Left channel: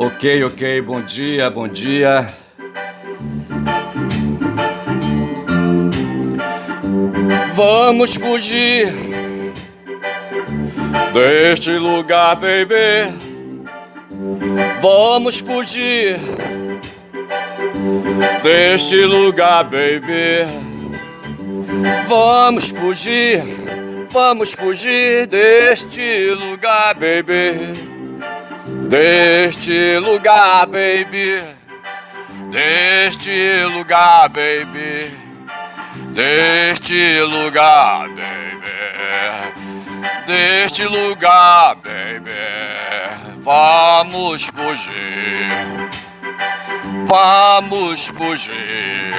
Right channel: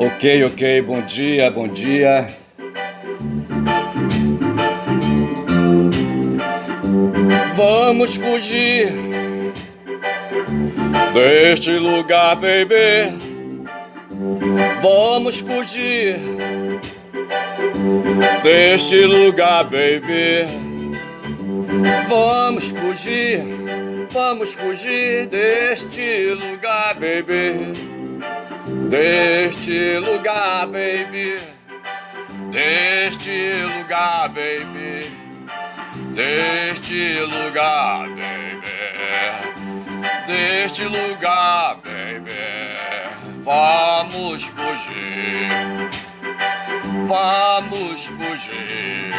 Ok, ok, bom dia, bom dia. Vamos fugir deste lugar, baby. Vamos fugir deste lugar, baby. Vamos fugir deste lugar, baby. Deste lugar, baby. Deste lugar, baby. Deste lugar, baby. Deste lugar, baby. Vamos fugir. Vamos fugir.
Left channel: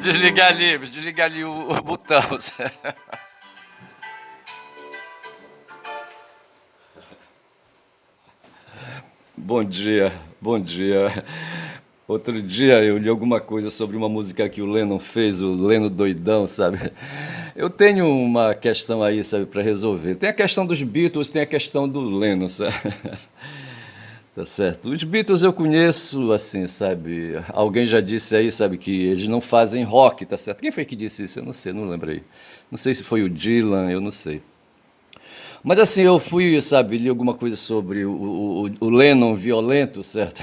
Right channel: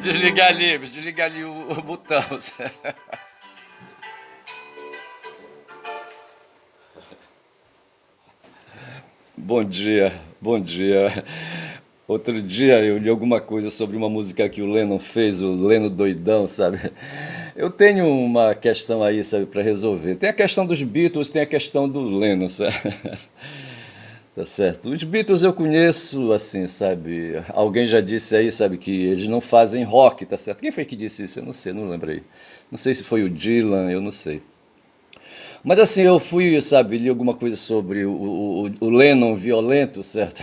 Desliga ali o botão. Bom dia, bom dia. Outro dia eu li alguma coisa sobre uma música que o Lennon fez, o Lennon doidão, sabe? Eu tenho uma questão aí, sabe, para resolver. Tem a questão dos Beatles, tem a questão do Lennon, sabe? Tá certo. Os Beatles eu conheço, assim, sabe? Alguém já disse aí, sabe, que eles não fazem rock, tá certo? Quem foi que disse isso? Eu não sei, não lembrei. Não sei se foi o Dylan, eu não sei. Mas assim, eu fui, sabe, li alguma coisa sobre o Lennon violento, certo?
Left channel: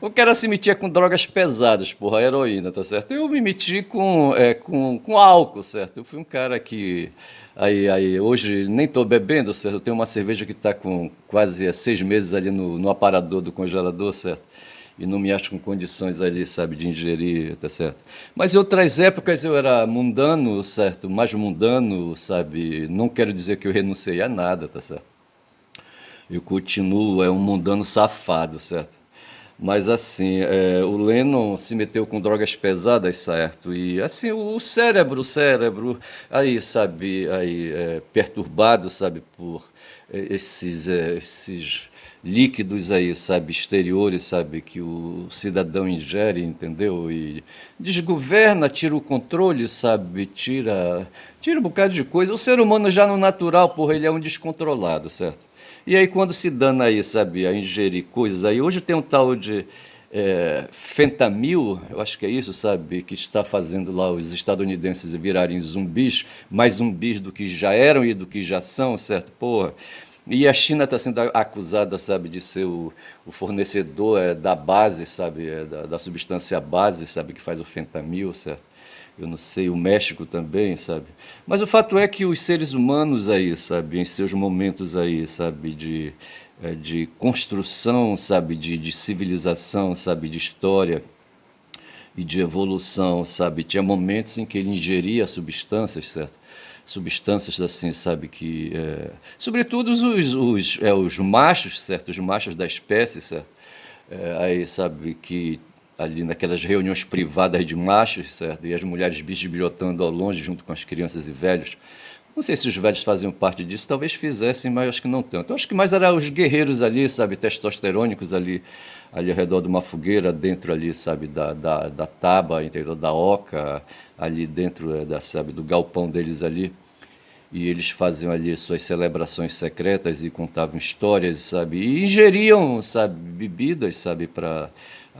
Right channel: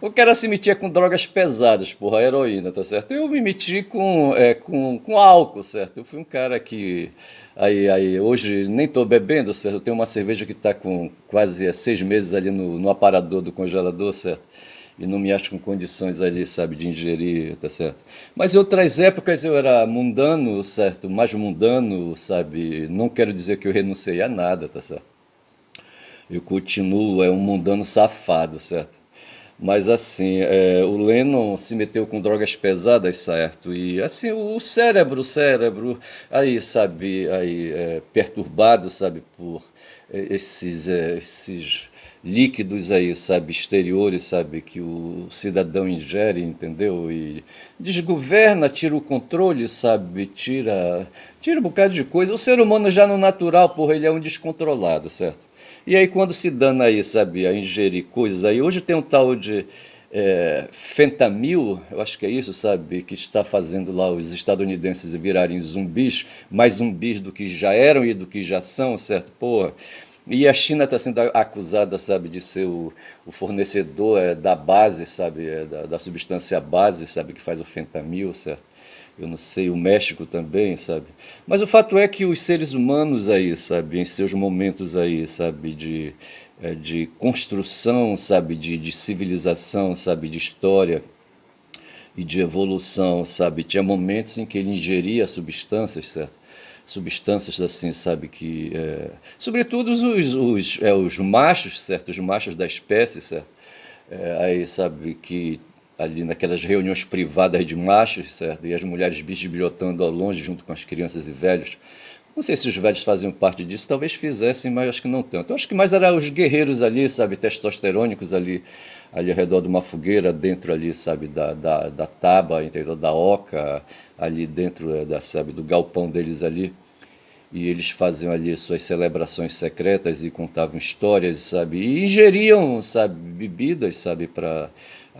O cara se metia com drogas pesadas, porra, heroína, tá certo? Eu me meti com álcool, certo? Eu fui um cara que. Aí, hoje nem tô bebendo, certo? Eu tenho uma cerveja que tá com quase 6 meses ali no aparador do congelador, certo? E não me acho com condições ali, sabe, de ingerir, tá certo? Mas em outras épocas eu era mundano, certo? Mais mundano, sabe? Não quero dizer que eu renunciei a nada, tá certo? Eu continuo, um mundano safado, certo? Mas assim, o Lennon se meteu com drogas pesadas, certo? E assim, o cérebro, aí, sabe, aí, perturbado, sabe, por esses líquidos aí, sabe, exteriores, sabe, que o cidadão ingere, entendeu? E desgoverna, tira o controle, sabe, tira um bocado de coisa. O ser humano já no natural, porra, ele é um descontrolado, certo? E aí quando se dana aí, sabe, a ingerir coisas aí, hoje tem um tal de fentanil, eu acho que é isso, sabe, que está fazendo lá os estadunidenses virarem zumbis, mais zumbis do que já eram e do que já são, certo? Porra. E a China está sendo acusada, sabe, de ser o fornecedor da base, sabe, da substância base, sabe, que faz o fentanil, certo? Eu não sei, o México também, sabe? Mas o fato é que os seres humanos aí, sabe, em seus momentos aí, sabe, de construção, sabe, de civilização, sabe, de história e de evolução, sabe, tinha momentos em que ele ingeria substâncias, certo? Substâncias assim, sabe, que sobretudo os machos, certo? Os machos da espécie, certo? Aí sabe que ali naquelas reuniões privadas de machos, certo? E as mulheres bisbilhotando ao longe junto com as crianças e velhos. Não sei se os velhos faziam parte disso, talvez fizessem, mas acho que não tanto. Eu acho que mais eram os guerreiros ali, sabe, testosterônicos ali ao redor de uma fogueira, dentro ali, sabe, da taba, interior da oca, ali dentro, sabe, do galpão deles ali. E eles faziam ali suas celebrações secretas e contavam histórias, sabe? E ingeriam, sabe, bebidas, sabe, para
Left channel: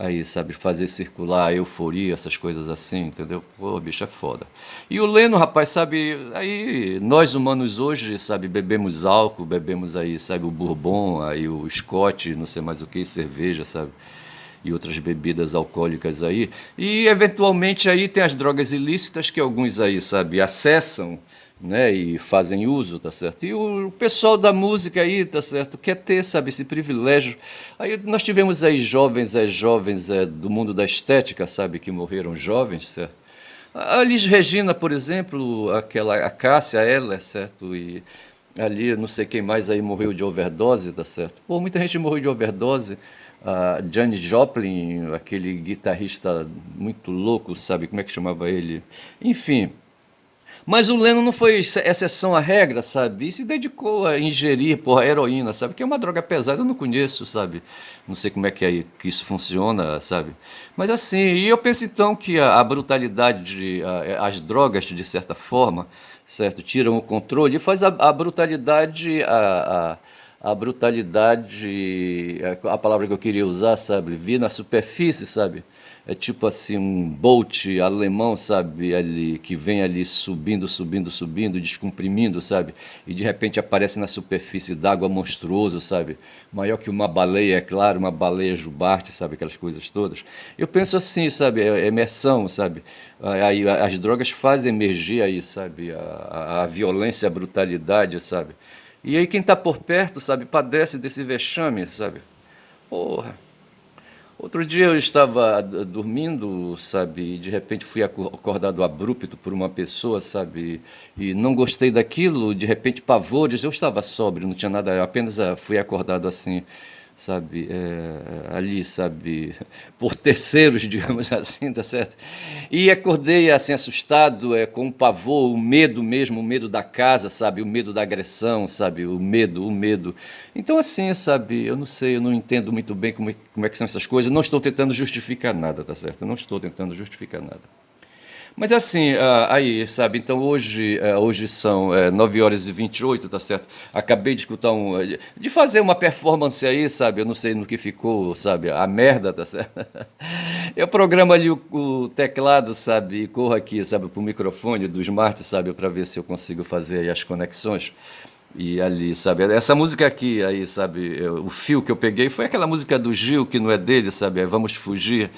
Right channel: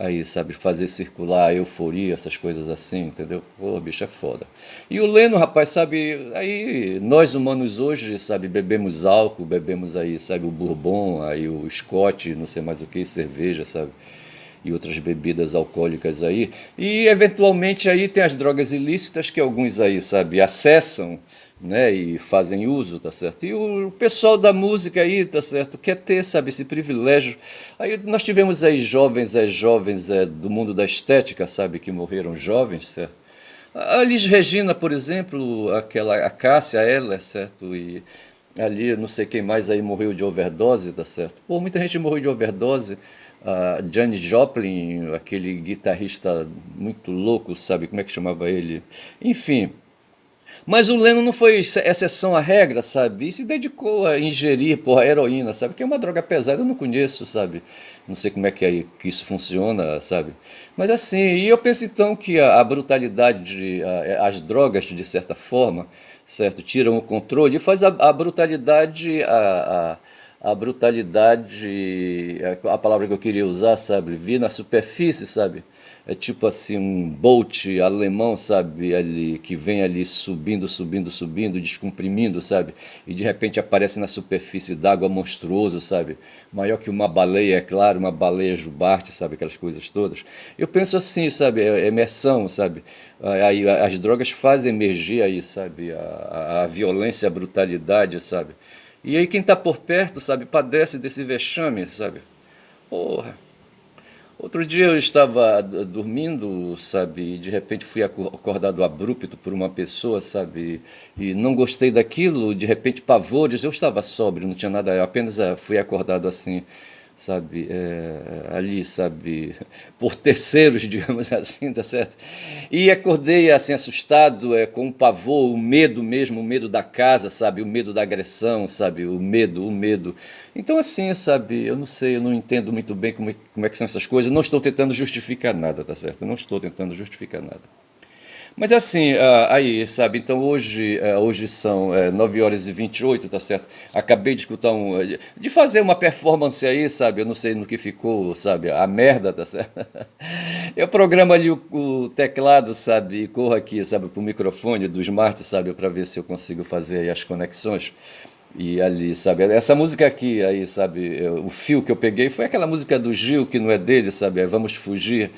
aí, sabe, fazer circular a euforia, essas coisas assim, entendeu? Pô, bicho, é foda. E o Leno, rapaz, sabe, aí nós humanos hoje, sabe, bebemos álcool, bebemos aí, sabe, o bourbon, aí o Scott, não sei mais o que, cerveja, sabe? E outras bebidas alcoólicas aí. E eventualmente aí tem as drogas ilícitas que alguns aí, sabe, acessam, né, e fazem uso, tá certo? E o pessoal da música aí, tá certo, quer ter, sabe, esse privilégio. Aí nós tivemos aí jovens do mundo da estética, sabe, que morreram jovens, certo? A Elis Regina, por exemplo, a Cássia Eller, certo? E ali, não sei quem mais aí morreu de overdose, tá certo? Pô, muita gente morreu de overdose. A Janis Joplin, aquele guitarrista muito louco, sabe? Como é que chamava ele? Enfim, mas o Lennon não foi exceção à regra, sabe? E se dedicou a ingerir, porra, heroína, sabe? Que é uma droga pesada, eu não conheço, sabe? Não sei como é que isso funciona, sabe? Mas assim, e eu penso então que a brutalidade, as drogas, de certa forma, certo? Tiram o controle e faz a brutalidade, a brutalidade, a palavra que eu queria usar, sabe? Vi na superfície, sabe? É tipo assim um Bolt alemão, sabe? Ali que vem ali subindo, subindo, subindo, descomprimindo, sabe? E de repente aparece na superfície d'água monstruoso, sabe? Maior que uma baleia, é claro, uma baleia jubarte, sabe? Aquelas coisas todas. Eu penso assim, sabe? É imersão, sabe? Aí as drogas fazem emergir aí, sabe? A violência, a brutalidade, sabe? E aí quem está por perto, sabe, padece desse vexame, sabe? Porra. Outro dia eu estava dormindo, sabe, e de repente fui acordado abrupto por uma pessoa, sabe, e não gostei daquilo, de repente pavores, eu estava sóbrio, não tinha nada, eu apenas fui acordado assim, sabe, ali, sabe, por terceiros, digamos assim, tá certo? E acordei assim assustado, com o pavor, o medo mesmo, o medo da casa, sabe, o medo da agressão, sabe, o medo. Então assim, sabe, eu não sei, eu não entendo muito bem como é que são essas coisas, não estou tentando justificar nada, tá certo? Eu não estou tentando justificar nada. Mas assim, aí, sabe, então hoje são 9 horas e 28, tá certo? Acabei de escutar de fazer uma performance aí, sabe? Eu não sei no que ficou, sabe? A merda, tá certo? Eu programo ali o teclado, sabe? E corro aqui, sabe, pro microfone do Smart, sabe? Para ver se eu consigo fazer aí as conexões. E ali, sabe? Essa música aqui, aí, sabe? O fio que eu peguei foi aquela música do Gil, que não é dele, sabe? Vamos Fugir,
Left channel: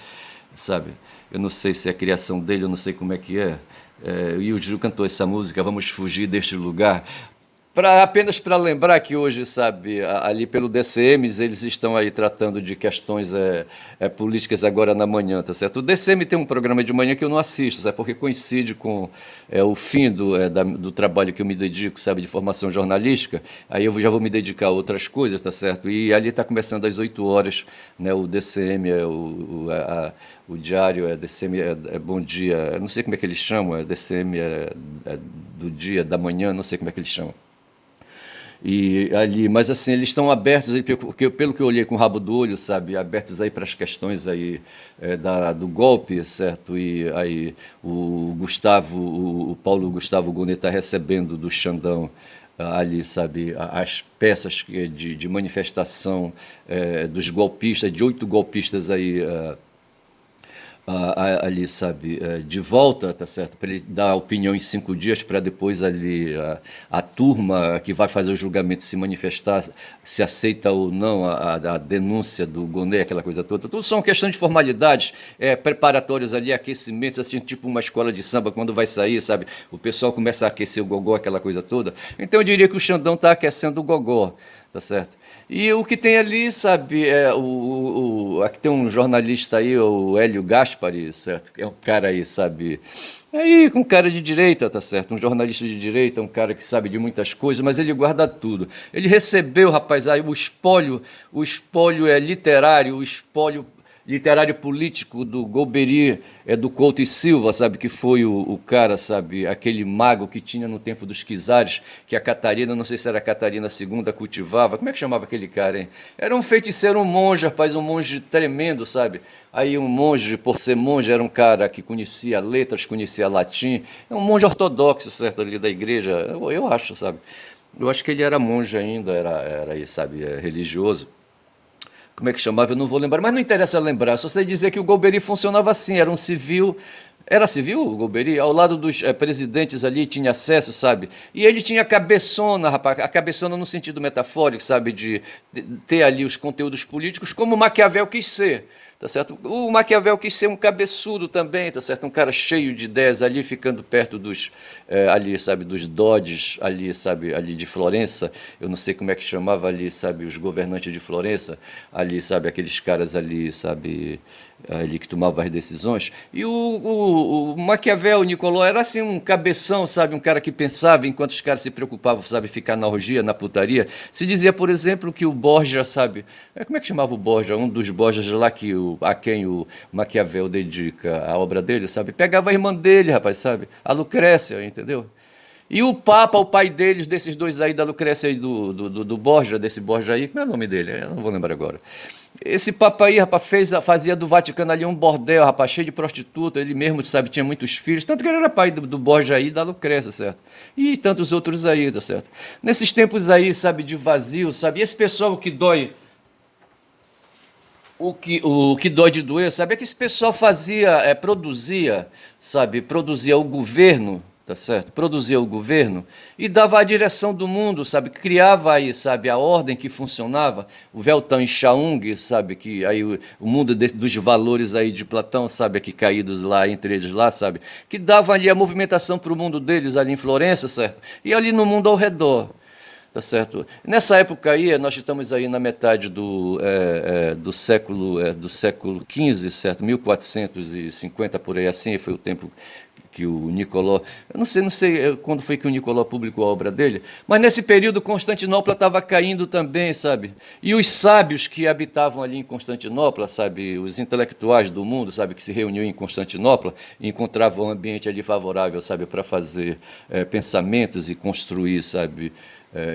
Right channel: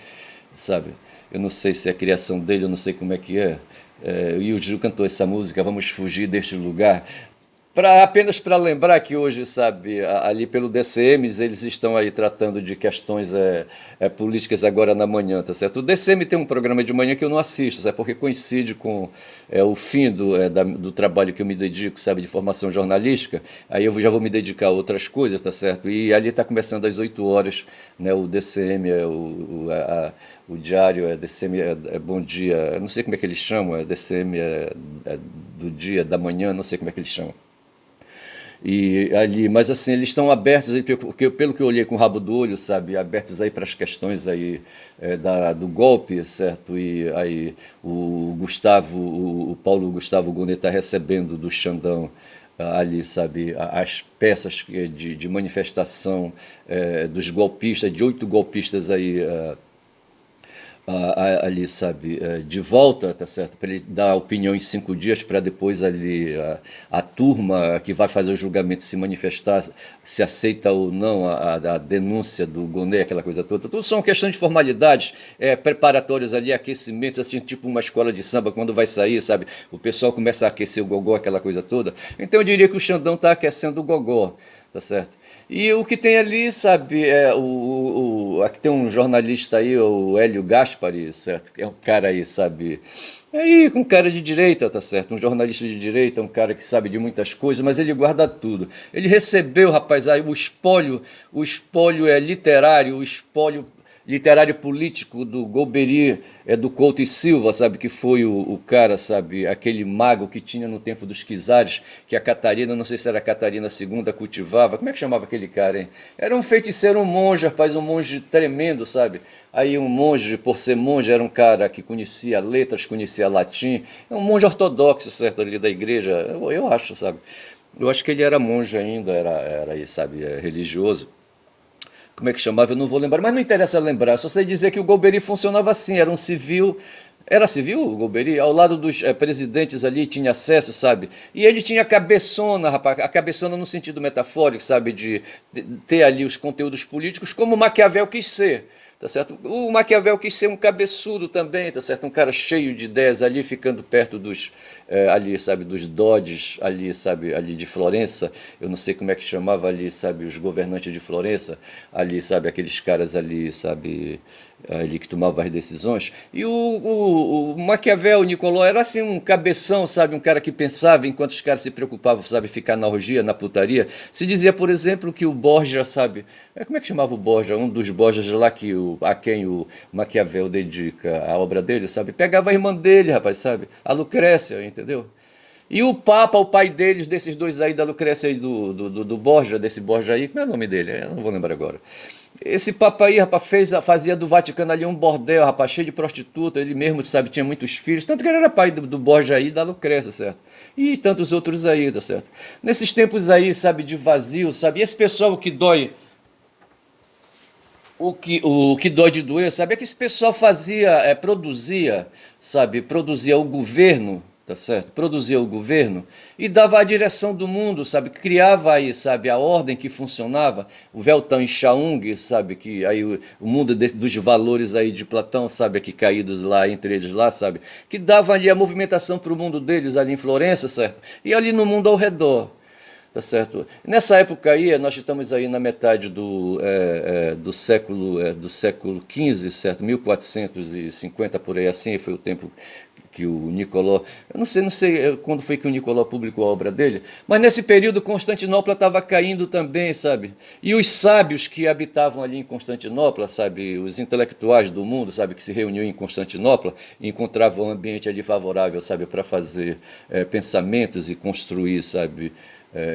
sabe? Eu não sei se é a criação dele, eu não sei como é que é. E o Gil cantou essa música, Vamos Fugir deste Lugar. Apenas para lembrar que hoje, sabe, ali pelo DCMs, eles estão aí tratando de questões políticas agora na manhã, tá certo? O DCM tem um programa de manhã que eu não assisto, sabe, porque coincide com o fim do trabalho que eu me dedico, sabe, de formação jornalística, aí eu já vou me dedicar a outras coisas, tá certo? E ali está começando às 8 horas, né, o DCM, o diário, DCM Bom Dia, eu não sei como é que eles chamam, DCM do dia, da manhã, não sei como é que eles chamam. E ali, mas assim, eles estão abertos aí, porque pelo que eu olhei com o rabo do olho, sabe, abertos aí para as questões aí do golpe, certo? E aí o Paulo Gustavo Gonet está recebendo do Xandão ali, sabe, as peças de manifestação dos golpistas, de 8 golpistas aí ali, sabe, de volta, tá certo? Para ele dar a opinião em 5 dias, para depois ali a turma que vai fazer o julgamento se manifestar, se aceita ou não a denúncia do Gonet, aquela coisa toda. Tudo são questões de formalidades, preparatórios ali, aquecimentos, assim, tipo uma escola de samba, quando vai sair, sabe? O pessoal começa a aquecer o gogó, aquela coisa toda. Então eu diria que o Xandão está aquecendo o gogó, tá certo? E o que tem ali, sabe, aqui tem um jornalista aí, o Hélio Gaspari, certo? É um cara aí, sabe, aí com cara de direita, tá certo? Um jornalista de direita, um cara que sabe de muitas coisas, mas ele guarda tudo. Ele recebeu, rapaz, aí o espólio é literário, o espólio literário político do Golbery, do Couto e Silva, sabe, que foi o cara, sabe, aquele mago que tinha no tempo dos czares, que a Catarina, não sei se era a Catarina segunda cultivava, como é que chamava aquele cara, hein? Era um feiticeiro, um monge, rapaz, um monge tremendo, sabe? Aí um monge, por ser monge, era um cara que conhecia letras, conhecia latim, é um monge ortodoxo, certo, ali da igreja, eu acho, sabe? Eu acho que ele era monge ainda, era aí, sabe, religioso. Como é que chamava? Eu não vou lembrar, mas não interessa lembrar. Só sei dizer que o Golbery funcionava assim, era um civil. Era civil o Golbery? Ao lado dos presidentes ali tinha acesso, sabe? E ele tinha a cabeçona, rapaz, a cabeçona no sentido metafórico, sabe? De ter ali os conteúdos políticos, como Maquiavel quis ser. Tá certo? O Maquiavel quis ser um cabeçudo também, tá certo? Um cara cheio de ideias ali, ficando perto ali, sabe, dos Dodges, ali, sabe, ali de Florença. Eu não sei como é que chamava ali, sabe, os governantes de Florença, ali, sabe, aqueles caras ali, sabe, ali que tomavam as decisões. E o Maquiavel, o Nicolau, era assim um cabeção, sabe, um cara que pensava enquanto os caras se preocupavam, sabe, ficar na orgia, na putaria. Se dizia, por exemplo, que o Borgia, sabe, como é que chamava o Borgia? Um dos Borgias lá a quem o Maquiavel dedica a obra dele, sabe? Pegava a irmã dele, rapaz, sabe? A Lucrécia, entendeu? E o Papa, o pai deles, desses dois aí, da Lucrécia e do Borgia, desse Borgia aí, como é o nome dele? Eu não vou lembrar agora. Esse Papa aí, rapaz, fazia do Vaticano ali um bordel, rapaz, cheio de prostituta, ele mesmo, sabe, tinha muitos filhos, tanto que ele era pai do Borja aí, da Lucrécia, certo? E tantos outros aí, tá certo? Nesses tempos aí, sabe, de vazio, sabe, e esse pessoal que dói, o que dói de doer, sabe, é que esse pessoal produzia, sabe, produzia o governo, tá certo? Produzia o governo e dava a direção do mundo, sabe, criava aí, sabe, a ordem que funcionava, o Weltan e Chaung, sabe, que aí o mundo dos valores aí de Platão, sabe, aqui caídos lá, entre eles lá, sabe, que dava ali a movimentação para o mundo deles ali em Florença, certo? E ali no mundo ao redor. Tá certo? Nessa época aí, nós estamos aí na metade do século XV, certo? 1450 por aí assim, foi o tempo que o Nicolò, eu não sei quando foi que o Nicolò publicou a obra dele, mas nesse período Constantinopla estava caindo também, sabe? E os sábios que habitavam ali em Constantinopla, sabe, os intelectuais do mundo, sabe, que se reuniam em Constantinopla, encontravam um ambiente ali favorável, sabe, para fazer pensamentos e construir, sabe,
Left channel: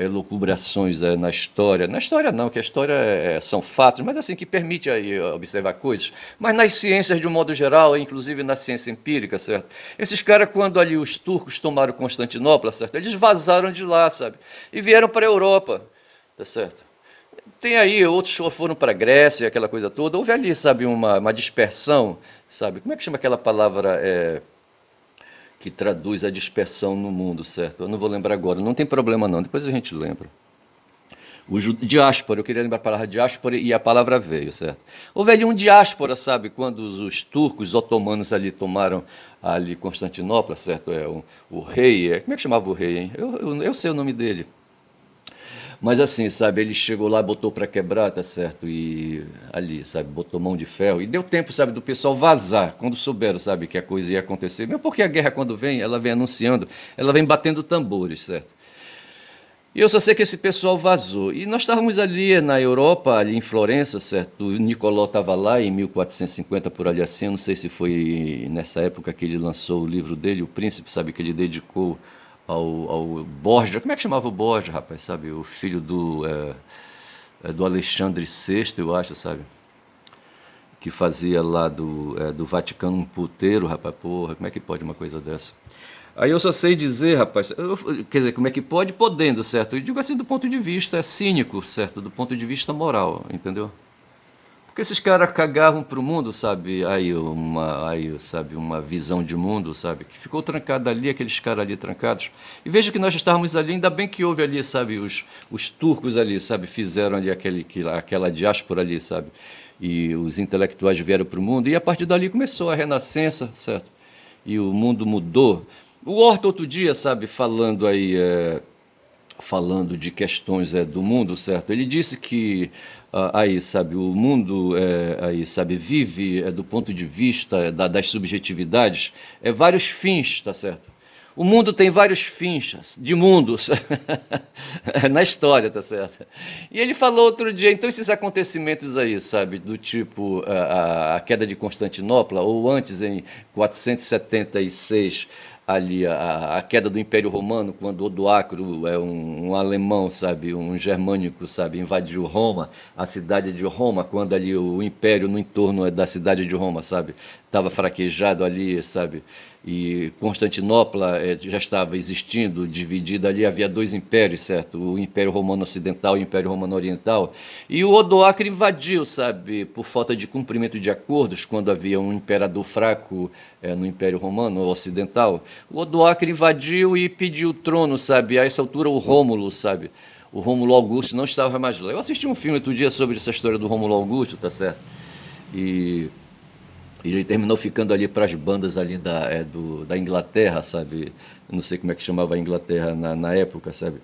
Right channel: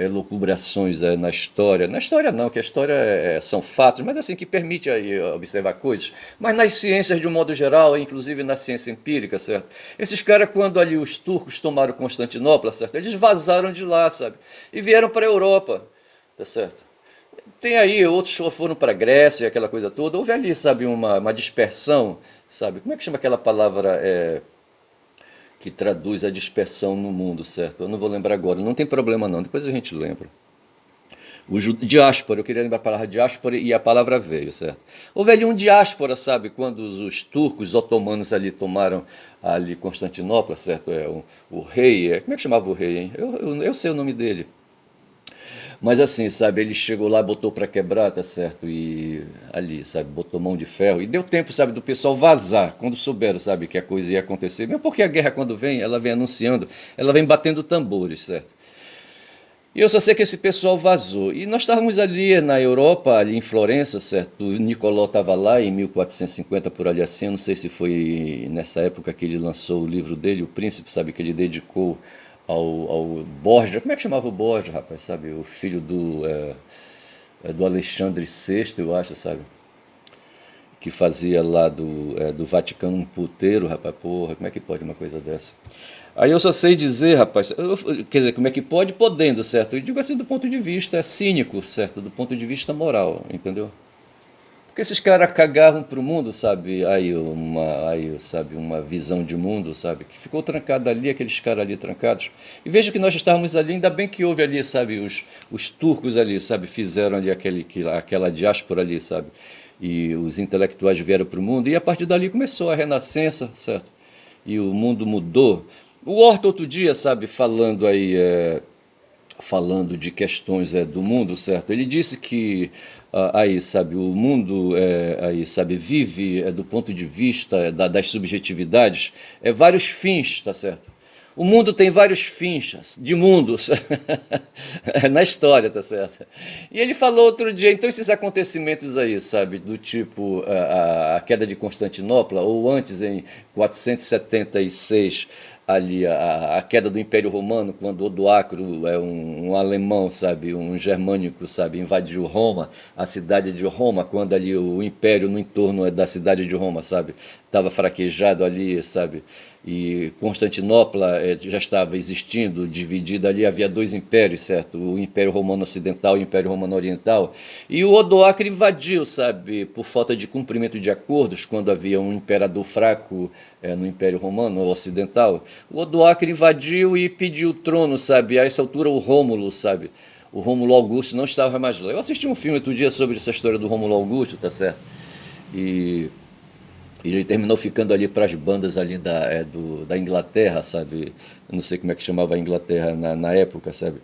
elucubrações na história. Na história não, que a história são fatos, mas assim, que permite aí observar coisas. Mas nas ciências de um modo geral, inclusive na ciência empírica, certo? Esses caras, quando ali os turcos tomaram Constantinopla, certo? Eles vazaram de lá, sabe? E vieram para a Europa, tá certo? Tem aí, outros foram para a Grécia, aquela coisa toda. Houve ali, sabe, uma dispersão, sabe? Como é que chama aquela palavra que traduz a dispersão no mundo, certo? Eu não vou lembrar agora, não tem problema não, depois a gente lembra. Diáspora, eu queria lembrar a palavra diáspora e a palavra veio, certo? Houve ali um diáspora, sabe, quando os turcos, os otomanos ali tomaram ali Constantinopla, certo? O rei, como é que chamava o rei, hein? Eu sei o nome dele. Mas assim, sabe, ele chegou lá, botou para quebrar, tá certo? E ali, sabe, botou mão de ferro. E deu tempo, sabe, do pessoal vazar, quando souberam, sabe, que a coisa ia acontecer. Mesmo porque a guerra, quando vem, ela vem anunciando, ela vem batendo tambores, certo? E eu só sei que esse pessoal vazou. E nós estávamos ali na Europa, ali em Florença, certo? O Nicolò estava lá em 1450, por ali assim. Eu não sei se foi nessa época que ele lançou o livro dele, O Príncipe, sabe? Que ele dedicou ao Borja. Como é que chamava o Borja, rapaz? Sabe? O filho do Alexandre VI, eu acho, sabe? Que fazia lá do Vaticano um puteiro, rapaz. Porra, como é que pode uma coisa dessa? Aí eu só sei dizer, rapaz, quer dizer, como é que pode? Podendo, certo? E digo assim do ponto de vista cínico, certo? Do ponto de vista moral, entendeu? Porque esses caras cagavam pro mundo, sabe? Sabe, uma visão de mundo, sabe? Que ficou trancada ali, aqueles caras ali trancados. E veja que nós estávamos ali, ainda bem que houve ali, sabe? Os turcos ali, sabe? Fizeram ali aquela diáspora ali, sabe? E os intelectuais vieram pro mundo. E a partir dali começou a renascença, certo? E o mundo mudou. O Horta outro dia, sabe, falando de questões do mundo, certo? Ele disse que aí, sabe, o mundo aí, sabe, vive do ponto de vista das subjetividades, vários fins, tá certo? O mundo tem vários fins de mundos na história, tá certo? E ele falou outro dia, então esses acontecimentos aí, sabe, do tipo a queda de Constantinopla, ou antes, em 476, ali a queda do Império Romano, quando Odoacro um alemão, sabe, um germânico, sabe, invadiu Roma, a cidade de Roma, quando ali o Império no entorno da cidade de Roma, sabe, estava fraquejado ali, sabe, e Constantinopla já estava existindo, dividida ali, havia dois impérios, certo? O Império Romano Ocidental e o Império Romano Oriental. E o Odoacro invadiu, sabe, por falta de cumprimento de acordos, quando havia um imperador fraco no Império Romano Ocidental. O Odoacro invadiu e pediu o trono, sabe? A essa altura o Rômulo, sabe? O Rômulo Augusto não estava mais lá. Eu assisti um filme outro dia sobre essa história do Rômulo Augusto, tá certo? E ele terminou ficando ali para as bandas ali da Inglaterra, sabe? Eu não sei como é que chamava a Inglaterra na época, sabe?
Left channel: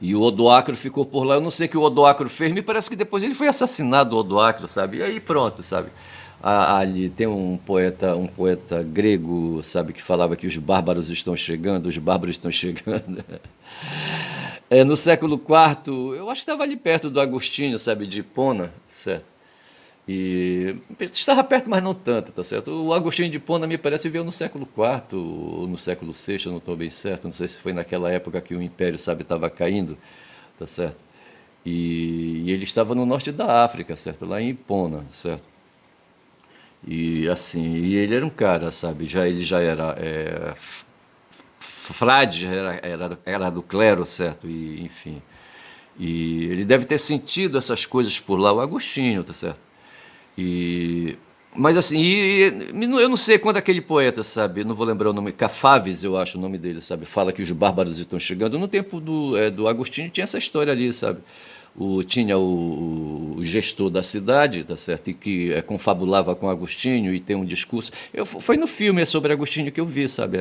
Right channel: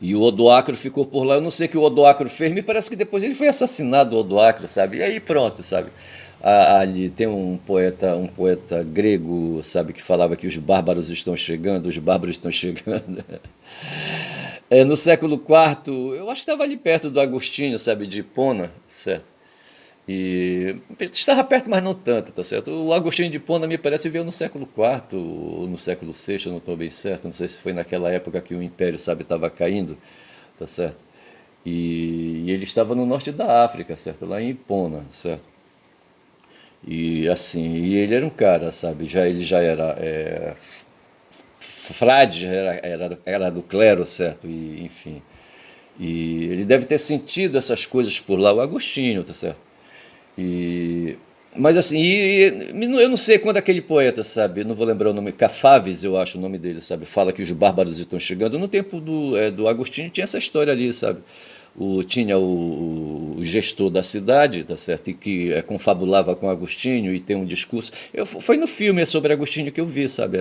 E o Odoacro ficou por lá. Eu não sei o que o Odoacro fez. Me parece que depois ele foi assassinado, o Odoacro, sabe? E aí pronto, sabe? Ali tem um poeta grego, sabe, que falava que os bárbaros estão chegando, os bárbaros estão chegando. No século IV, eu acho que estava ali perto do Agostinho, sabe, de Hipona, certo? E estava perto, mas não tanto, tá certo? O Agostinho de Hipona, me parece, veio no século IV ou no século VI, eu não estou bem certo, não sei se foi naquela época que o Império, sabe, estava caindo, tá certo? E ele estava no norte da África, certo? Lá em Ipona, certo? E assim, e ele era um cara, sabe? Ele já era frade, era do clero, certo? E enfim. E ele deve ter sentido essas coisas por lá, o Agostinho, tá certo? E, mas assim, eu não sei quando aquele poeta, sabe, eu não vou lembrar o nome, Cafaves, eu acho o nome dele, sabe, fala que os bárbaros estão chegando. No tempo do Agostinho tinha essa história ali, sabe? Tinha o gestor da cidade, tá certo? E que confabulava com Agostinho e tem um discurso. Foi no filme sobre Agostinho que eu vi, sabe,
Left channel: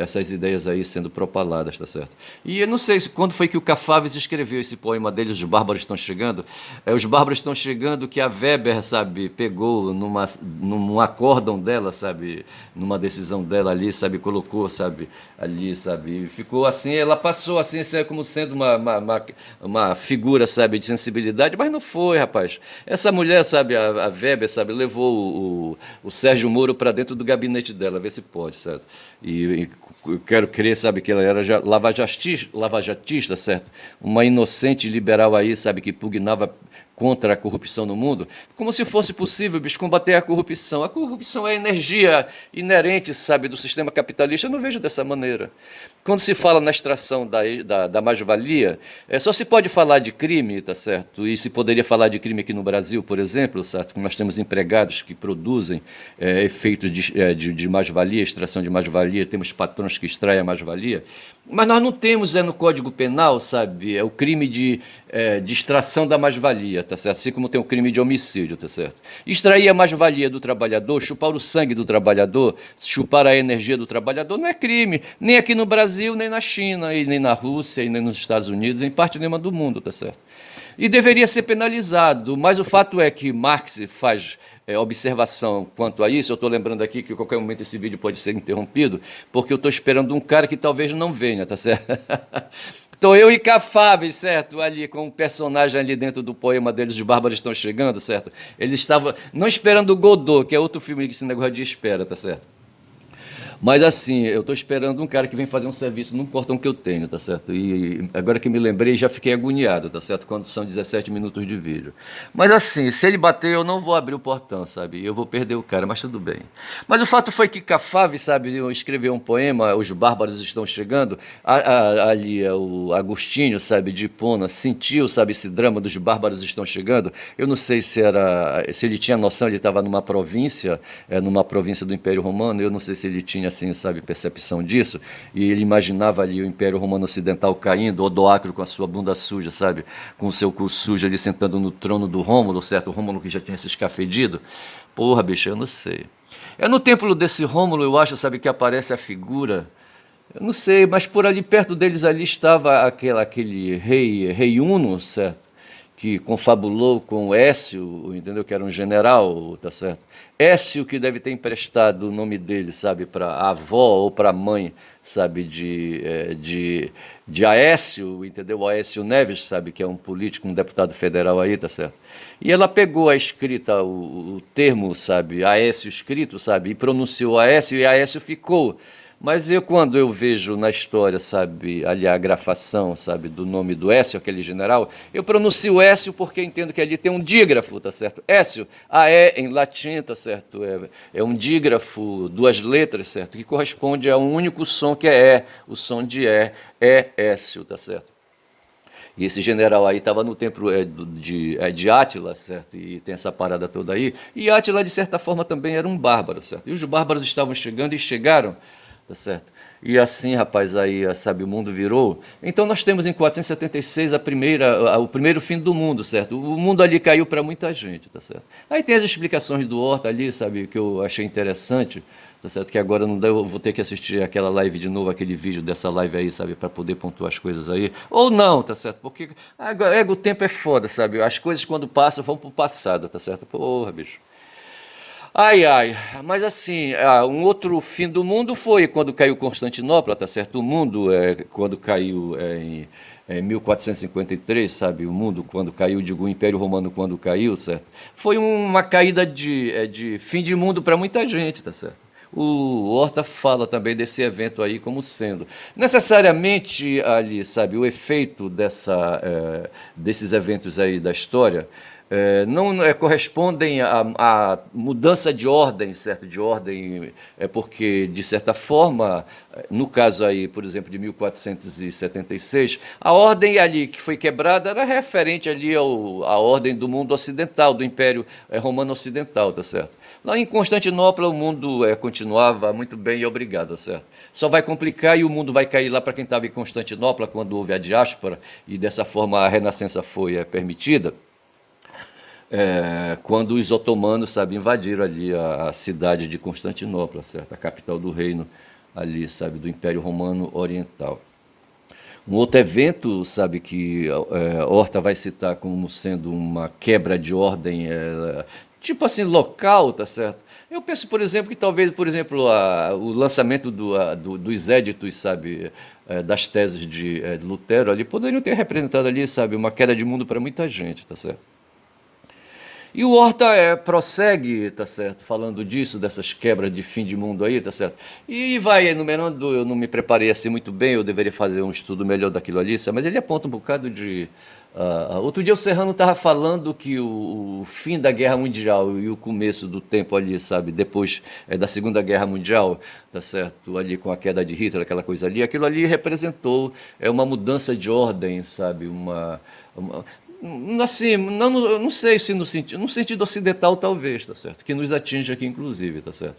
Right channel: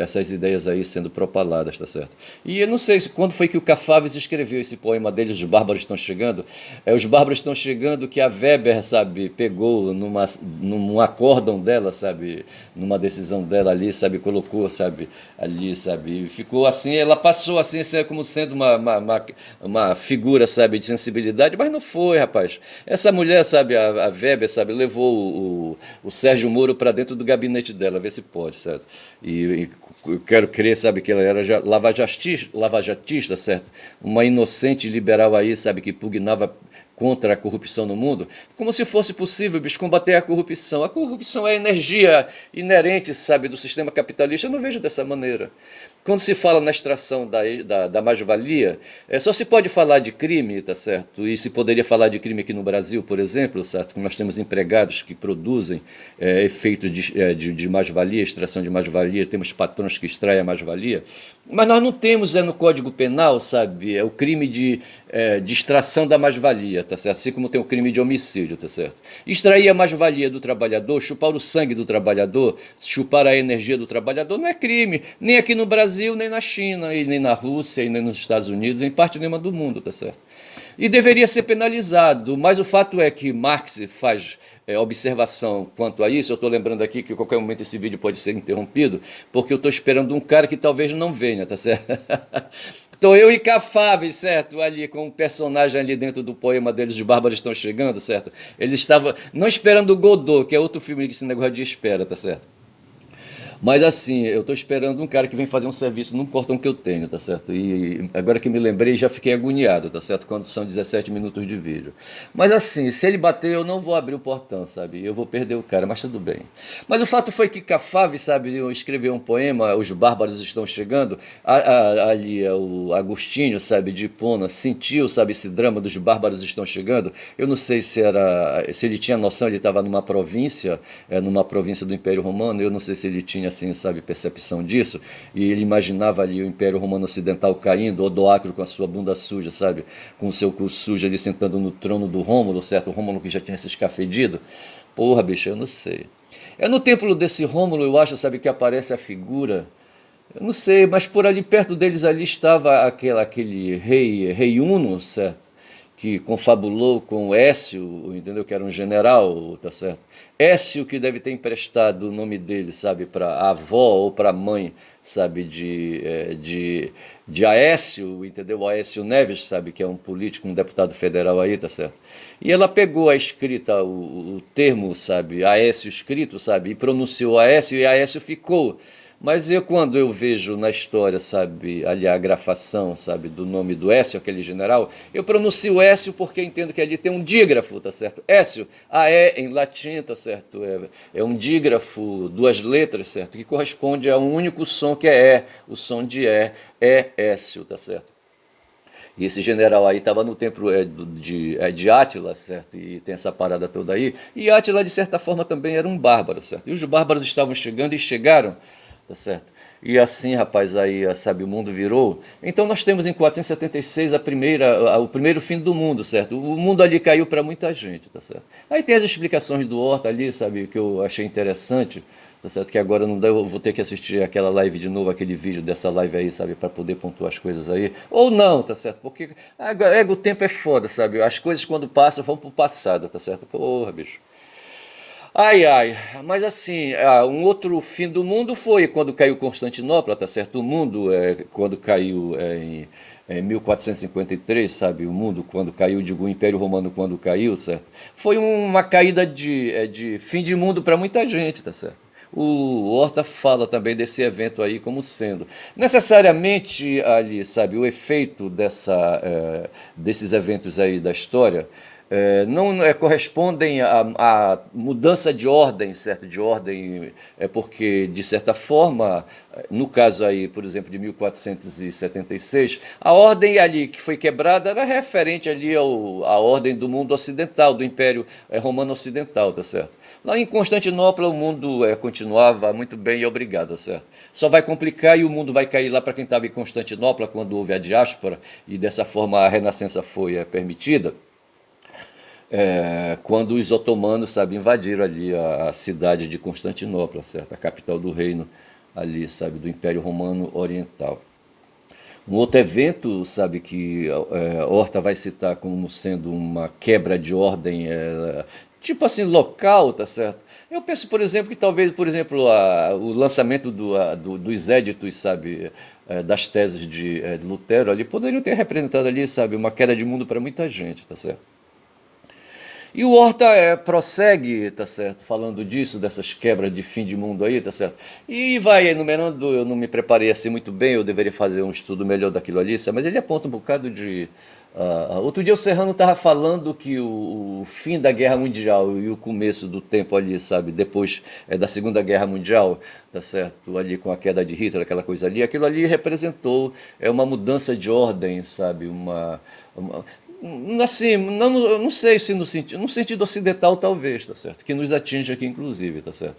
essas ideias aí sendo propaladas, tá certo? E eu não sei quando foi que o Cafaves escreveu esse poema dele, Os Bárbaros Estão Chegando. Os Bárbaros Estão Chegando, que a Weber, sabe, pegou num acórdão dela, sabe, numa decisão dela ali, sabe, colocou, sabe, ali, sabe, e ficou assim, ela passou assim, como sendo uma figura, sabe, de sensibilidade, mas não foi, rapaz. Essa mulher, sabe, a Weber, sabe, levou o Sérgio Moro para dentro do gabinete dela, ver se pode, certo? E eu quero crer, sabe, que ela era lavajatista, certo? Uma inocente liberal aí, sabe, que pugnava contra a corrupção no mundo, como se fosse possível, bicho, combater a corrupção. A corrupção é energia inerente, sabe, do sistema capitalista. Eu não vejo dessa maneira. Quando se fala na extração da mais-valia, só se pode falar de crime, tá certo? E se poderia falar de crime aqui no Brasil, por exemplo, certo? Nós temos empregados que produzem efeitos de mais-valia, extração de mais-valia, temos patrões que extraem a mais-valia, mas nós não temos no Código Penal, sabe, o crime de extração da mais-valia, tá certo? Assim como tem o crime de homicídio, tá certo? Extrair a mais-valia do trabalhador, chupar o sangue do trabalhador, chupar a energia do trabalhador, não é crime, nem aqui no Brasil, nem na China, e nem na Rússia, e nem nos Estados Unidos, em parte nenhuma do mundo, tá certo? E deveria ser penalizado, mas o fato é que Marx faz observação quanto a isso. Eu estou lembrando aqui que a qualquer momento esse vídeo pode ser interrompido, porque eu estou esperando um cara que talvez não venha, tá certo? Estou eu e Cafáveis, certo? Ali, com um personagem ali dentro do poema deles, Os Bárbaros Estão Chegando, certo? Ele estava não esperando o Godot, que é outro filme que esse negócio de espera, tá certo? Mas assim, eu estou esperando um cara que vem fazer um serviço num portão que eu tenho, tá certo? E agora que me lembrei, já fiquei agoniado, tá certo? Quando são 17 minutos de vídeo. Mas assim, se ele bater, eu não vou abrir o portão, sabe? Eu vou perder o cara, mas tudo bem. Mas o fato foi que Cafave, sabe, eu escrevi um poema, Os Bárbaros Estão Chegando, ali o Agostinho, sabe, de Hipona, sentiu, sabe, esse drama dos Bárbaros Estão Chegando. Eu não sei se ele tinha noção, ele estava numa província do Império Romano, eu não sei se ele tinha assim, sabe, percepção disso, e ele imaginava ali o Império Romano Ocidental caindo, Odoacro com a sua bunda suja, sabe, com o seu cu sujo ali sentando no trono do Rômulo, certo? O Rômulo que já tinha se escafedido. Porra, bicho, eu não sei. É no templo desse Rômulo, eu acho, sabe, que aparece a figura. Eu não sei, mas por ali perto deles ali estava aquele rei Uno, certo? Que confabulou com Écio, entendeu? Que era um general, tá certo? Écio que deve ter emprestado o nome dele, sabe, para a avó ou para a mãe, sabe, de Aécio, entendeu? Aécio Neves, sabe, que é um político, um deputado federal aí, tá certo? E ela pegou a escrita, o termo, sabe, Aécio escrito, sabe, e pronunciou Aécio e Aécio ficou. Mas quando eu vejo na história, sabe, ali a grafação, sabe, do nome do Écio, aquele general, eu pronuncio Écio porque entendo que ali tem um dígrafo, tá certo? Écio, A-E em latim, tá certo? É um dígrafo, duas letras, certo? Que corresponde a um único som que é E, o som de é Écio, tá certo? E esse general aí estava no templo de Átila, certo? E tem essa parada toda aí. E Átila, de certa forma, também era um bárbaro, certo? E os bárbaros estavam chegando e chegaram, tá certo? E assim, rapaz, aí, sabe, o mundo virou. Então nós temos em 476 o primeiro fim do mundo, certo? O mundo ali caiu para muita gente, tá certo? Aí tem as explicações do Horta ali, sabe, que eu achei interessante, tá certo? Que agora não dá, eu vou ter que assistir aquela live de novo, aquele vídeo dessa live aí, sabe, para poder pontuar as coisas aí. Ou não, tá certo? Porque o tempo é foda, sabe? As coisas quando passam vão pro passado, tá certo? Porra, bicho. Ai, ai, mas assim, um outro fim do mundo foi quando caiu Constantinopla, tá certo? O mundo, quando caiu em 1453, sabe? O mundo, quando caiu, digo, o Império Romano, quando caiu, certo? Foi uma caída de fim de mundo para muita gente, tá certo? o Horta fala também desse evento aí como sendo necessariamente ali, sabe, o efeito desses eventos aí da história não correspondem à mudança de ordem, certo? De ordem, porque, de certa forma, no caso aí, por exemplo, de 1476, a ordem ali que foi quebrada era referente ali à ordem do mundo ocidental, do Império Romano Ocidental, tá certo? Lá em Constantinopla o mundo continuava muito bem e obrigado, tá certo? Só vai complicar e o mundo vai cair lá para quem estava em Constantinopla quando houve a diáspora e dessa forma a renascença foi permitida quando os otomanos, sabe, invadiram ali a cidade de Constantinopla, certo? A capital do reino ali, sabe, do Império Romano Oriental. Um outro evento, sabe, que Horta vai citar como sendo uma quebra de ordem, tipo assim, local, tá certo? Eu penso, por exemplo, que talvez, por exemplo, o lançamento dos éditos, sabe, das teses de Lutero ali, poderiam ter representado ali, sabe, uma queda de mundo para muita gente, tá certo? E o Horta prossegue, tá certo, falando disso, dessas quebras de fim de mundo aí, tá certo? E vai enumerando, eu não me preparei assim muito bem, eu deveria fazer um estudo melhor daquilo ali, sabe? Mas ele aponta um bocado de... outro dia o Serrano estava falando que o fim da Guerra Mundial e o começo do tempo ali, sabe? Depois da Segunda Guerra Mundial, tá certo? Ali com a queda de Hitler, aquela coisa ali, aquilo ali representou uma mudança de ordem, sabe? Assim, não, eu não sei se no sentido ocidental talvez, tá certo? Que nos atinge aqui inclusive, tá certo?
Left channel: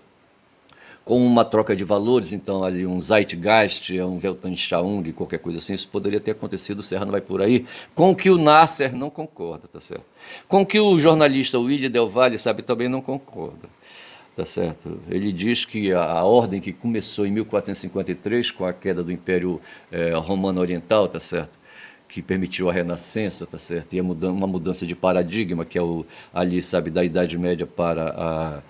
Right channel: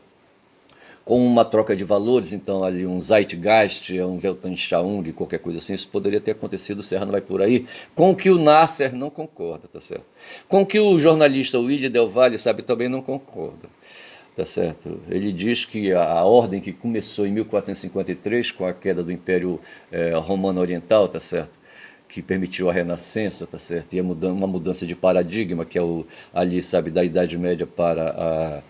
Com uma troca de valores, então ali um Zeitgeist, um Weltanschauung, qualquer coisa assim, isso poderia ter acontecido, o Serra não vai por aí, com o que o Nasser não concorda, tá certo? Com o que o jornalista William Del Valle, sabe, também não concorda. Tá certo? Ele diz que a ordem que começou em 1453 com a queda do Império Romano Oriental, tá certo? Que permitiu a renascença, tá certo? E uma mudança de paradigma, que é ali, sabe, da Idade Média para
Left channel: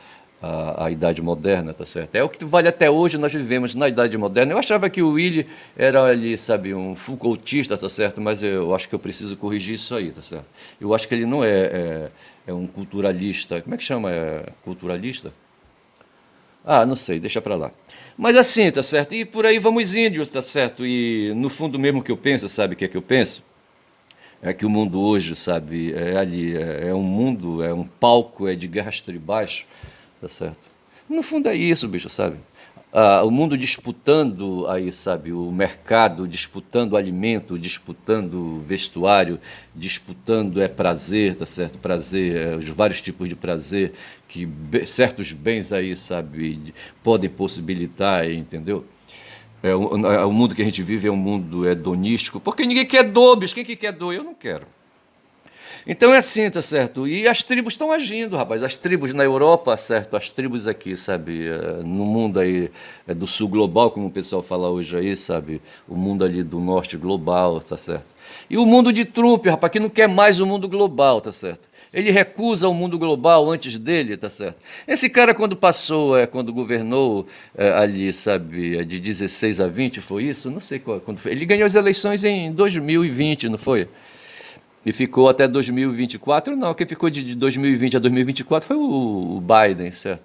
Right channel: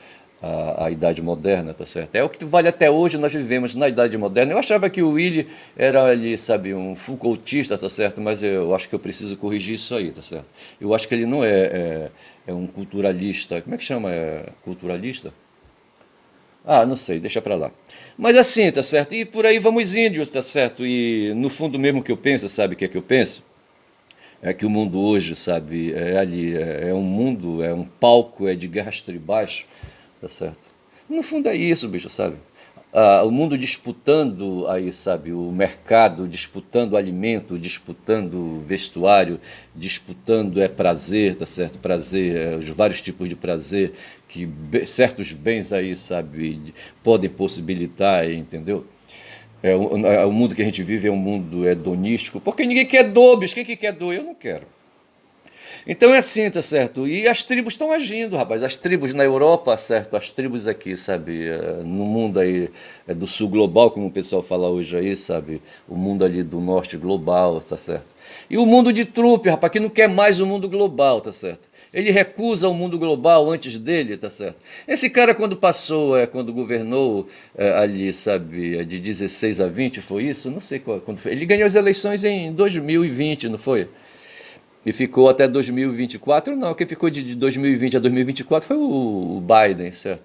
a Idade Moderna, tá certo? É o que vale até hoje, nós vivemos na Idade Moderna. Eu achava que o Willy era ali, sabe, um Foucaultista, tá certo? Mas eu acho que eu preciso corrigir isso aí, tá certo? Eu acho que ele não é um culturalista, como é que chama? Culturalista? Ah, não sei, deixa pra lá. Mas assim, tá certo? E por aí vamos índios, tá certo? E no fundo mesmo que eu penso, sabe o que é que eu penso? É que o mundo hoje, sabe, é ali, é um mundo, é um palco, é de guerras tribais, tá certo? No fundo é isso, bicho, sabe? O mundo disputando aí, sabe, o mercado, disputando alimento, disputando vestuário, disputando prazer, tá certo? Prazer, os vários tipos de prazer que certos bens aí, sabe, podem possibilitar, entendeu? O mundo que a gente vive é um mundo hedonístico, porque ninguém quer dor, bicho. Quem que quer dor? Eu não quero. Então é assim, tá certo? E as tribos estão agindo, rapaz. As tribos na Europa, certo? As tribos aqui, sabe? No mundo aí do sul global, como o pessoal fala hoje aí, sabe? O mundo ali do norte global, tá certo? E o mundo de Trump, rapaz, que não quer mais o mundo global, tá certo? Ele recusa o mundo global antes dele, tá certo? Esse cara, quando passou, quando governou ali, sabe, de 16 a 20, foi isso? Não sei quando foi. Ele ganhou as eleições em 2020, não foi? E ficou até 2024? Não, quem ficou de 2020 a 2024 foi o Biden, certo?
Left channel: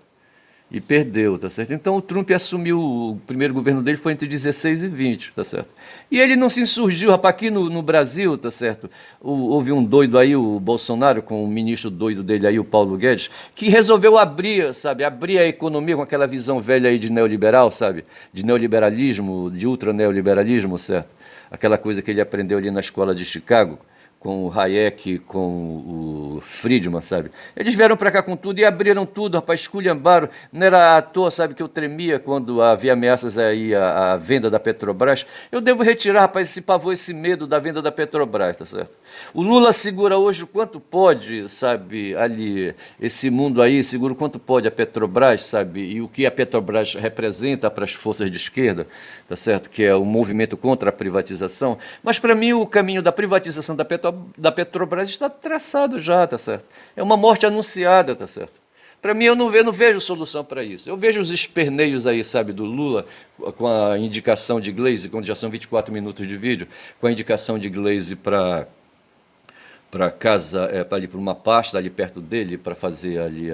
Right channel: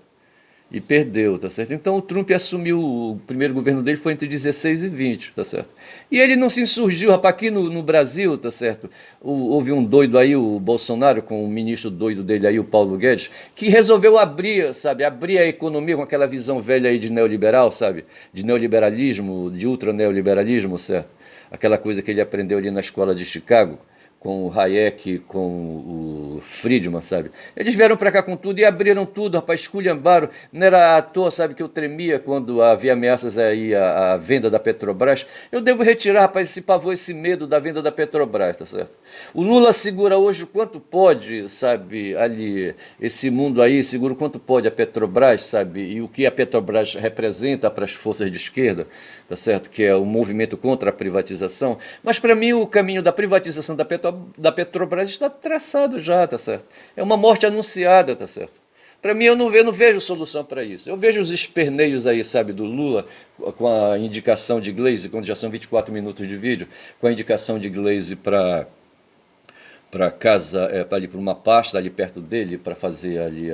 E perdeu, tá certo? Então o Trump assumiu, o primeiro governo dele foi entre 16 e 20, tá certo? E ele não se insurgiu, rapaz, aqui no Brasil, tá certo? Houve um doido aí, o Bolsonaro, com o ministro doido dele aí, o Paulo Guedes, que resolveu abrir, sabe? Abrir a economia com aquela visão velha aí de neoliberal, sabe? De neoliberalismo, de ultraneoliberalismo, certo? Aquela coisa que ele aprendeu ali na escola de Chicago com o Hayek, com o Friedman, sabe? Eles vieram para cá com tudo e abriram tudo, rapaz, esculhambaram. Não era à toa, sabe, que eu tremia quando havia ameaças aí à venda da Petrobras. Eu devo retirar, rapaz, esse pavor, esse medo da venda da Petrobras, tá certo? O Lula segura hoje o quanto pode, sabe, ali, esse mundo aí, segura o quanto pode a Petrobras, sabe? E o que a Petrobras representa para as forças de esquerda, tá certo? Que é o movimento contra a privatização. Mas para mim o caminho da privatização da Petrobras está traçado já, tá certo? É uma morte anunciada, tá certo? Para mim, eu não vejo solução para isso. Eu vejo os esperneios aí, sabe, do Lula, com a indicação de Glaze, quando já são 24 minutos de vídeo, com a indicação de Glaze para para casa, para ali para uma pasta ali perto dele, para fazer ali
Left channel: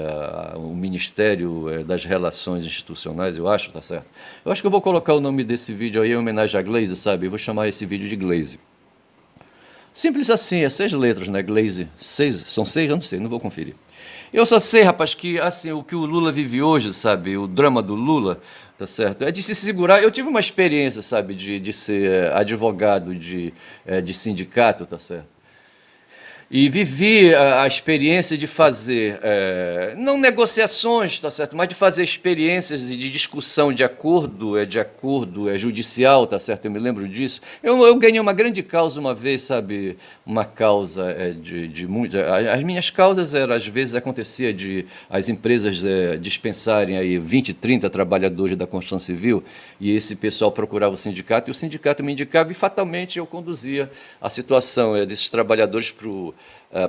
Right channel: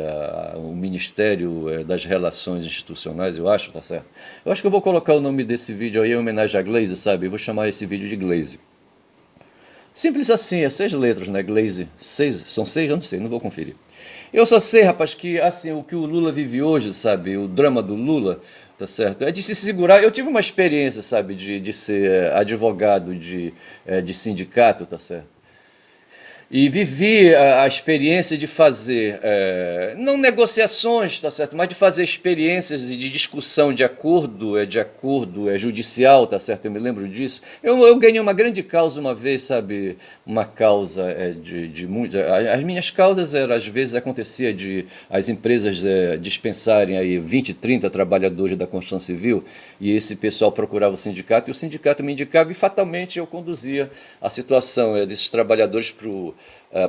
o Ministério das Relações Institucionais, eu acho, tá certo? Eu acho que eu vou colocar o nome desse vídeo aí em homenagem a Glaze, sabe? Eu vou chamar esse vídeo de Glaze. Simples assim, é 6 letras, né? Glaze. São 6? Eu não sei, não vou conferir. Eu só sei, rapaz, que assim, o que o Lula vive hoje, sabe? O drama do Lula, tá certo? É de se segurar. Eu tive uma experiência, sabe, de ser advogado de sindicato, tá certo? E vivi a experiência de fazer, não negociações, tá certo, mas de fazer experiências de discussão de acordo judicial, tá certo, eu me lembro disso. Eu ganhei uma grande causa uma vez, sabe, uma causa de muito... As minhas causas eram, às vezes acontecia de as empresas dispensarem aí 20, 30 trabalhadores da construção civil, e esse pessoal procurava o sindicato, e o sindicato me indicava, e fatalmente eu conduzia a situação desses trabalhadores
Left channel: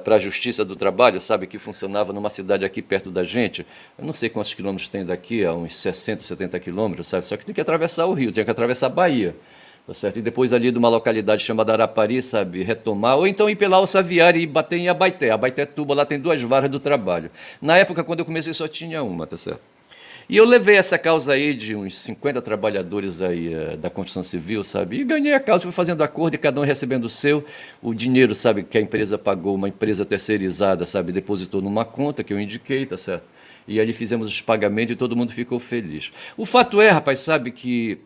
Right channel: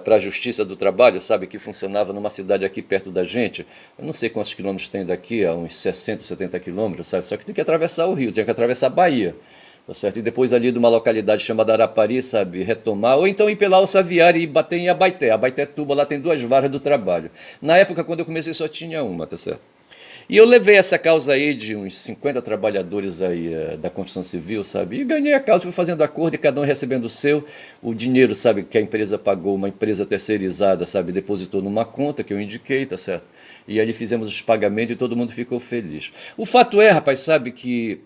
para a Justiça do Trabalho, sabe, que funcionava numa cidade aqui perto da gente. Eu não sei quantos quilômetros tem daqui, a uns 60, 70 quilômetros, sabe? Só que tem que atravessar o rio, tem que atravessar a Bahia, tá certo? E depois ali de uma localidade chamada Arapari, sabe, retomar, ou então ir pela Alçaviária e bater em Abaeté. Abaeté-Tuba, lá tem 2 varas do trabalho. Na época, quando eu comecei, só tinha uma, tá certo? E eu levei essa causa aí de uns 50 trabalhadores aí da construção civil, sabe? E ganhei a causa, fui fazendo acordo e cada um recebendo o seu. O dinheiro, sabe, que a empresa pagou, uma empresa terceirizada, sabe, depositou numa conta que eu indiquei, tá certo? E ali fizemos os pagamentos e todo mundo ficou feliz. O fato é, rapaz, sabe que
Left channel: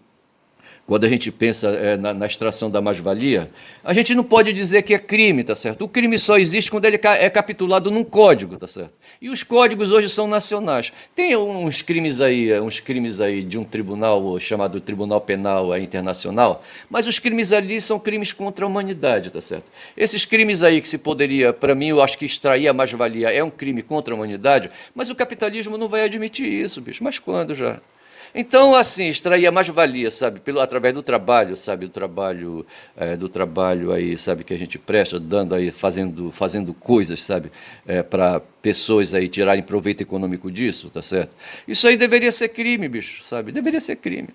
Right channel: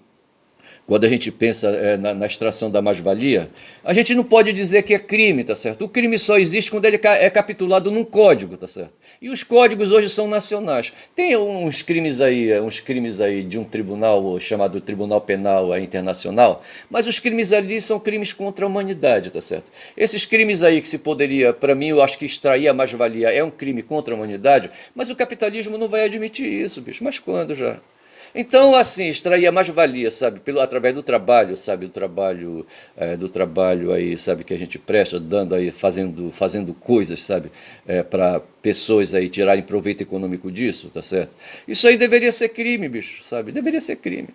quando a gente pensa na extração da mais-valia, a gente não pode dizer que é crime, tá certo? O crime só existe quando ele é capitulado num código, tá certo? E os códigos hoje são nacionais. Tem uns crimes aí de um tribunal chamado Tribunal Penal Internacional, mas os crimes ali são crimes contra a humanidade, tá certo? Esses crimes aí que se poderia, para mim, eu acho que extrair a mais-valia é um crime contra a humanidade, mas o capitalismo não vai admitir isso, bicho. Mas quando já? Então, assim, extrair a mais-valia, sabe, através do trabalho, sabe, do trabalho aí, sabe, que a gente presta, dando aí, fazendo coisas, sabe, para pessoas aí tirarem proveito econômico disso, tá certo? Isso aí deveria ser crime, bicho, sabe, deveria ser crime.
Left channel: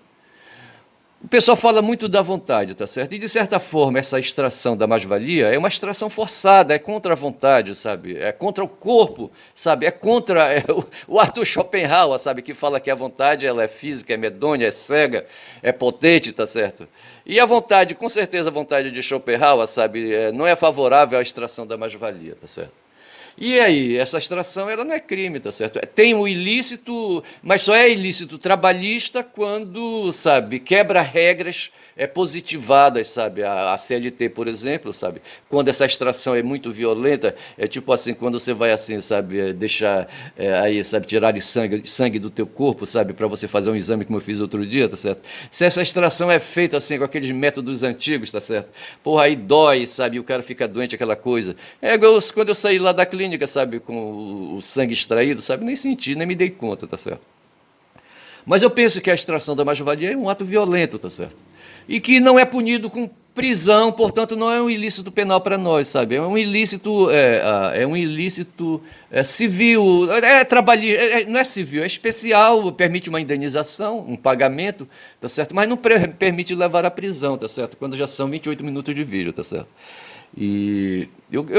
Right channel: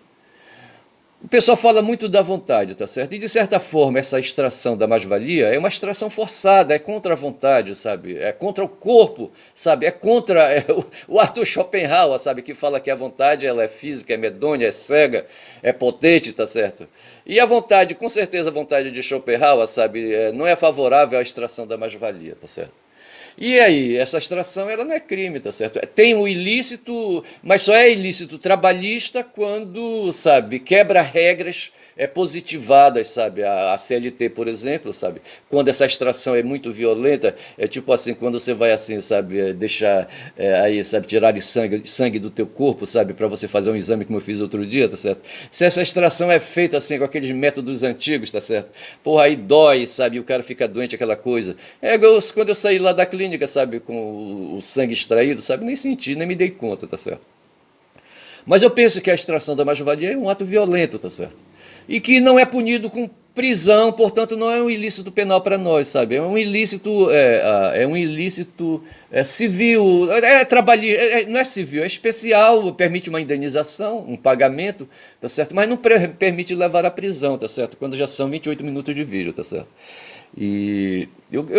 O pessoal fala muito da vontade, tá certo? E de certa forma, essa extração da mais-valia é uma extração forçada, é contra a vontade, sabe? É contra o corpo, sabe? É contra o Arthur Schopenhauer, sabe? Que fala que a vontade ela é física, é medonha, é cega, é potente, tá certo? E a vontade, com certeza, a vontade de Schopenhauer, sabe? Não é favorável à extração da mais-valia, tá certo? E aí, essa extração ela não é crime, tá certo? Tem o ilícito, mas só é ilícito trabalhista quando, sabe, quebra regras positivadas, sabe? A CLT, por exemplo, sabe? Quando essa extração é muito violenta, é tipo assim, quando você vai assim, sabe, deixar aí, sabe, tirar de sangue do teu corpo, sabe, para você fazer um exame como eu fiz outro dia, tá certo? Se essa extração é feita assim com aqueles métodos antigos, tá certo? Porra, aí dói, sabe, e o cara fica doente, aquela coisa. É igual quando eu saí lá da clínica, sabe, com o sangue extraído, sabe, nem senti, nem me dei conta, tá certo? Mas eu penso que a extração da mais-valia é um ato violento, tá certo? E que não é punido com prisão, portanto não é um ilícito penal para nós, sabe? É um ilícito civil, trabalhista, não é civil, é especial, permite uma indenização, um pagamento, tá certo? Mas não permite levar à prisão, tá certo? Quando já são 28 minutos de vídeo, tá certo? E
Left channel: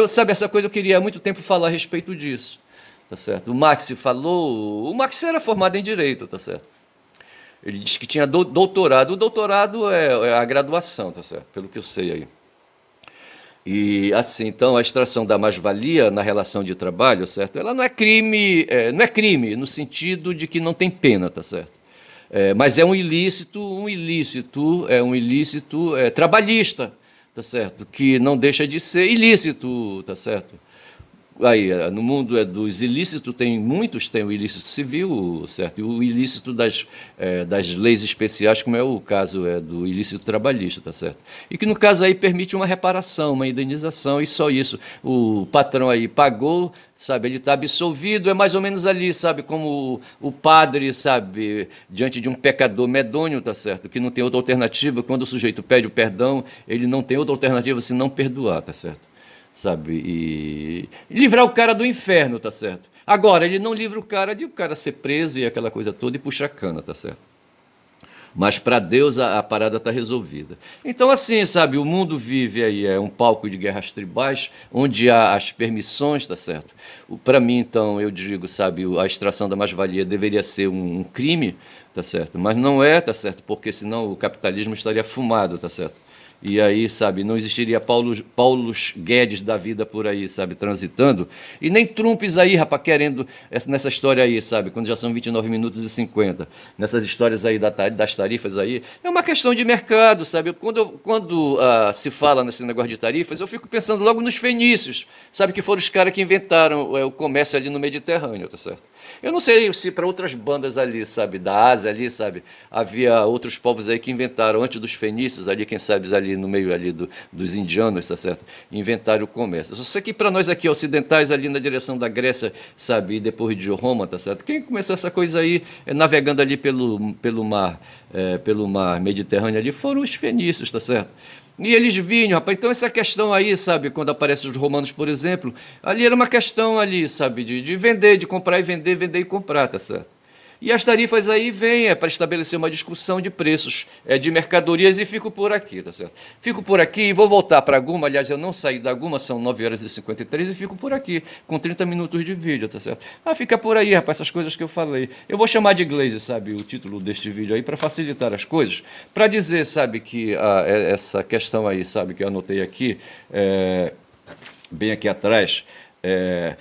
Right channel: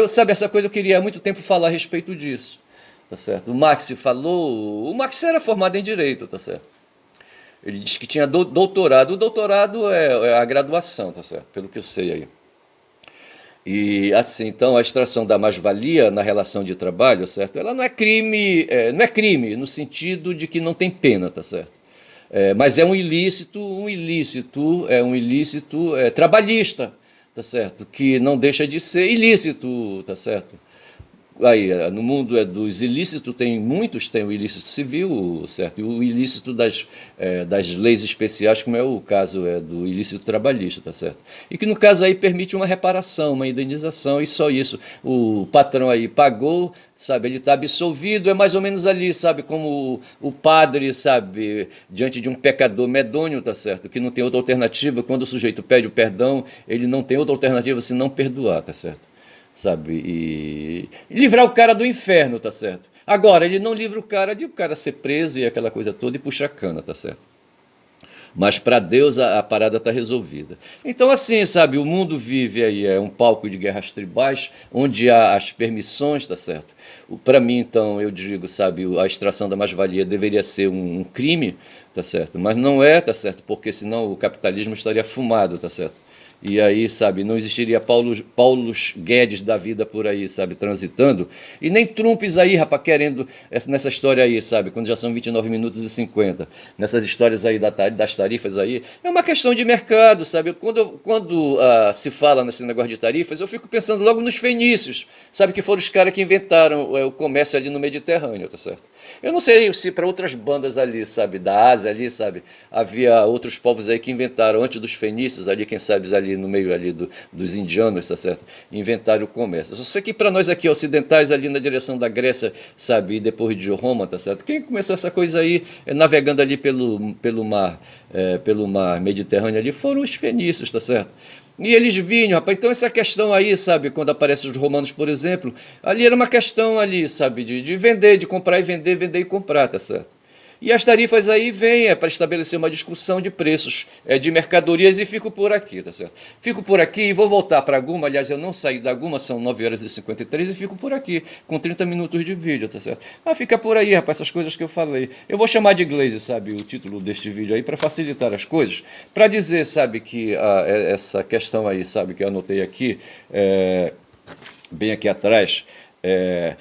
sabe, essa coisa eu queria há muito tempo falar a respeito disso, tá certo? O Max falou, o Max era formado em Direito, tá certo? Ele disse que tinha doutorado. O doutorado é a graduação, tá certo? Pelo que eu sei aí. E assim, então a extração da mais-valia na relação de trabalho, certo? Ela não é crime no sentido de que não tem pena, tá certo? Mas é um ilícito trabalhista, tá certo? Que não deixa de ser ilícito, tá certo? Aí, no mundo dos ilícitos, tem muitos, tem o ilícito civil, certo? E o ilícito das leis especiais, como é o caso do ilícito trabalhista, tá certo? E que no caso aí permite uma reparação, uma indenização, e só isso. O patrão aí pagou, sabe, ele está absolvido, é mais ou menos ali, sabe, como o padre, sabe, diante de um pecador medonho, tá certo? Que não tem outra alternativa, quando o sujeito pede o perdão, ele não tem outra alternativa senão perdoar, tá certo? Sabe, e livrar o cara do inferno, tá certo? Agora, ele não livra o cara de o cara ser preso e aquela coisa toda e puxar a cana, tá certo? Mas para Deus a parada está resolvida. Então, assim, sabe, o mundo vive aí, é um palco de guerras tribais, onde há as permissões, tá certo? Para mim, então, eu digo, sabe, a extração da mais-valia deveria ser um crime, tá certo? Mas não é, tá certo? Porque senão o capitalismo estaria fumado, tá certo? E aí, sabe, não existiria Paulos Guedes da vida por aí, sabe, transitando. E nem Trumps aí, rapaz, querendo nessa história aí, sabe, quando já são 29 minutos e 50. Nessas histórias aí das tarifas aí. É uma questão de mercado, sabe? Quando se fala nesse negócio de tarifas, eu fico pensando logo nos fenícios, sabe, que foram os caras que inventaram o comércio ali no Mediterrâneo, tá certo? Eu não sei se para outras bandas ali, sabe, da Ásia ali, sabe, havia outros povos aí que inventaram, antes dos fenícios ali, quem sabe ali no meio ali dos indianos, tá certo? Inventaram o comércio. Eu só sei que para nós aqui ocidentais, ali na direção da Grécia, sabe, e depois de Roma, tá certo? Quem começou essa coisa aí, navegando ali pelo mar Mediterrâneo ali, foram os fenícios, tá certo? E eles vinham, rapaz. Então, essa questão aí, sabe, quando aparecem os romanos, por exemplo, ali era uma questão ali, sabe, de vender, de comprar e vender, vender e comprar, tá certo? E as tarifas aí vêm para estabelecer uma discussão de preços de mercadorias e fico por aqui, tá certo? Fico por aqui e vou voltar para a Guma. Aliás, eu não saí da Guma, são 9 horas e 53 e fico por aqui, com 30 minutos de vídeo, tá certo? Ah, fica por aí, rapaz, essas coisas que eu falei. Eu vou chamar de inglês, sabe, o título deste vídeo aí, para facilitar as coisas, para dizer, sabe, que essa questão aí, sabe, que eu anotei aqui, bem aqui atrás, é,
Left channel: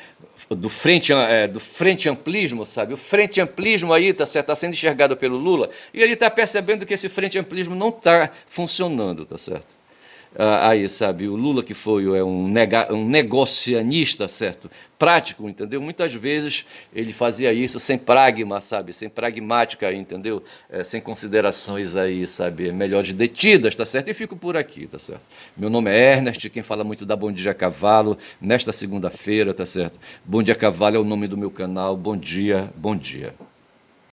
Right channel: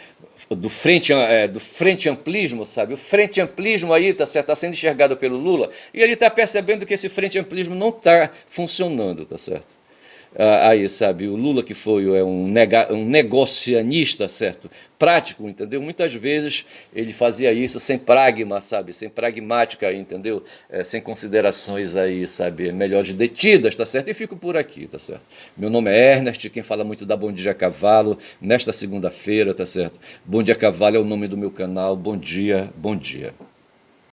do frente amplismo, sabe? O frente amplismo aí tá certo, tá sendo enxergado pelo Lula e ele está percebendo que esse frente amplismo não está funcionando, tá certo? Aí, sabe, o Lula que foi um negocianista, certo? Prático, entendeu? Muitas vezes ele fazia isso sem pragma, sabe? Sem pragmática, entendeu? Sem considerações aí, sabe? Melhores detidas, tá certo? E fico por aqui, tá certo? Meu nome é Ernest, quem fala muito da Bom Dia a Cavalo, nesta segunda-feira, tá certo? Bom Dia a Cavalo é o nome do meu canal. Bom dia, bom dia.